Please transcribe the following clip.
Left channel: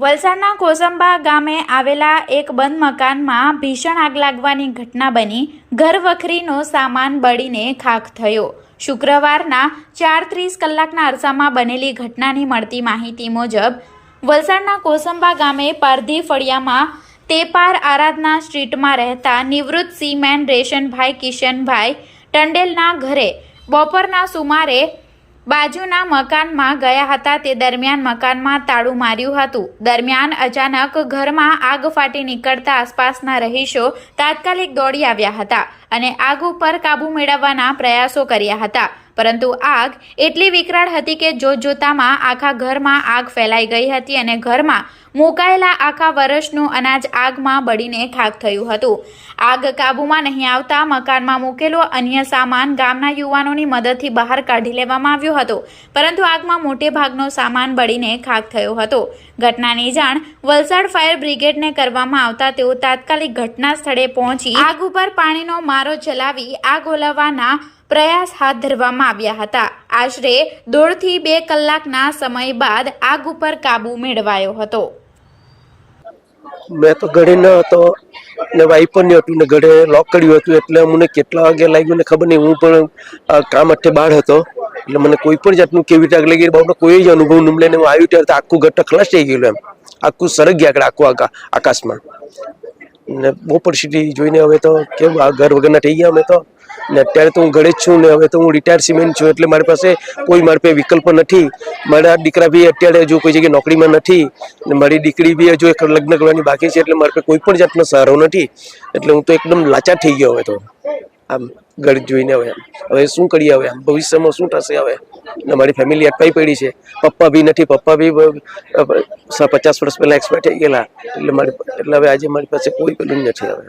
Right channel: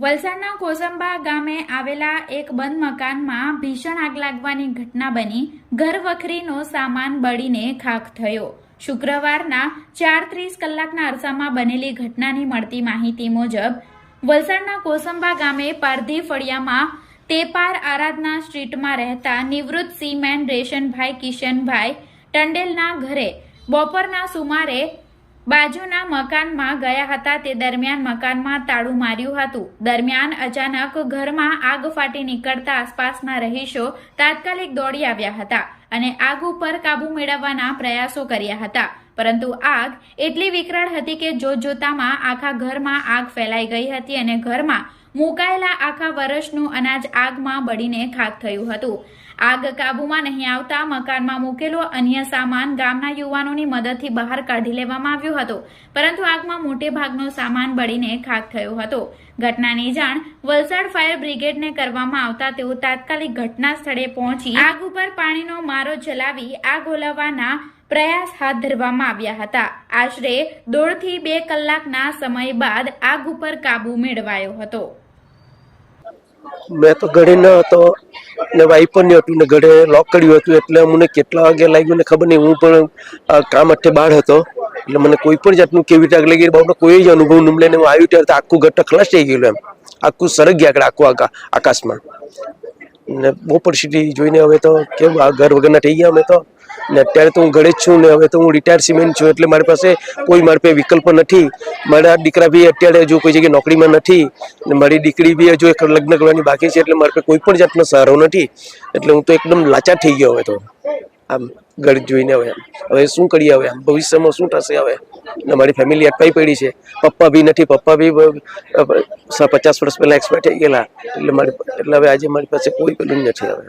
વલસાડના કોસંબા ગામે આવેલા એક બંધ મકાનમાં ભીષણ આગ લાગવાની ઘટના બની. ઘર વખરીનો સામાન બળીને ખાખ થયો. શુક્રવારના ચાર ત્રીસ કલાકના અરસામાં બનેલી ઘટનાની મળતી માહિતી મુજબ, વલસાડના કોસંબા ગામે પારધી ફળિયામાં તેપાર આરાધના સ્ટ્રીટમાં રહેતા નિવૃત્ત સીમેન રેશનભાઈ કિશનભાઈ ટંડેલના ઘરે બપોરના સુમારે બાજુના મકાનમાં ગયા હતા તે દરમિયાન મકાનમાં તાળું માર્યું હતું. દરમિયાન અચાનક ઘરમાં આગ ફાટી નીકળતા આસપાસના રહીશો તાત્કાલિક દોડી આવ્યા હતા અને આગ ઉપર કાબુ મેળવવાના પ્રયાસો કર્યા હતા. પરંતુ આગ એટલી વિકરાળ હતી કે જોતજોતામાં આખા ઘરમાં આગ ફેલાઈ ગઈ હતી અને ઘરમાં મુકાયેલા આખા વર્ષનું અનાજ આગમાં બળીને ખાક થયું હતું. આગ કાબૂમાં નહીં આવતા મકાનમાં મૂકેલો અન્ય સામાન ગામના યુવાનોની મદદથી બહાર કાઢી લેવામાં આવ્યો હતો. પરંતુ આગમાં મોટે ભાગનો સામાન બળીને ખાક થયો હતો. ઘટનાની જાણ વલસાડ ફાયર બ્રિગેડને કરવામાં આવતા તેઓ તાત્કાલિક ઘટના સ્થળે પહોંચી આગ ઉપર પાણીનો મારો ચલાવી આગ ઓલવવાના પ્રયાસ હાથ ધરવામાં આવ્યા હતા. આશરે દોઢથી બે કલાકના સમય બાદ આગ ઉપર કાબુ મેળવાયો હતો. મેં તો ઘરે ન હતો ને વાઈ પણ નહીં હતું ને ઘરે લોક કર્યું હતું એટલે મને કેટલા વાગે લાગ્યું ને ખબર નહીં. હું પણ કામ અઠે બહાર હતો. એટલે મને કોઈ પણ જાતનું કેવી રીતે લાગી બહુ કોઈ જ અનુભવ ન લઈને હું આવ્યું ત્યારે આખું ઘર ખલાસ થઈ ગયેલું એમ. આખું સરગ ગયા આગળ, આખું આકા, આકાશમાં. ને બહુ પરિસ્થિતિ જોઈને હવે તો કેમ આ ઘર વગરના થઈ ગયા અમે તો. ને અત્યારે તો હું ઘરે જ છું ને હવે તો હું રિટાયર સિમેન્ટ છું એટલે મારી પાસે કોઈ મારી પાસે વિકલ્પ નથી. મારા દીકરા બી અત્યારે હજુ કોઈ જગ્યાએ નોકરીમાં નથી. ને મારી દીકરી બી હજુ એક લગ્ન કરવાની બાકી છે એટલે મારી પાસે કોઈ પણ જાતનો સહારો નથી. એટલે હું તો એકદમ લાચાર થઈ ગયો હવે તો. આમ ઘર જોઈને હવે. હવે શું કરીએ હવે? આમ ભવિષ્યમાં શું થશે હવે? મારી ફેમિલી અટકાઈ પડી છે? પપ્પા બી નથી, પપ્પા બી પચાસ વર્ષ પહેલા એક્સપાયર થઈ ગયેલા. એટલે મારી એટલે હવે આજે મારી પાસે કોઈ પેલું નથી હવે.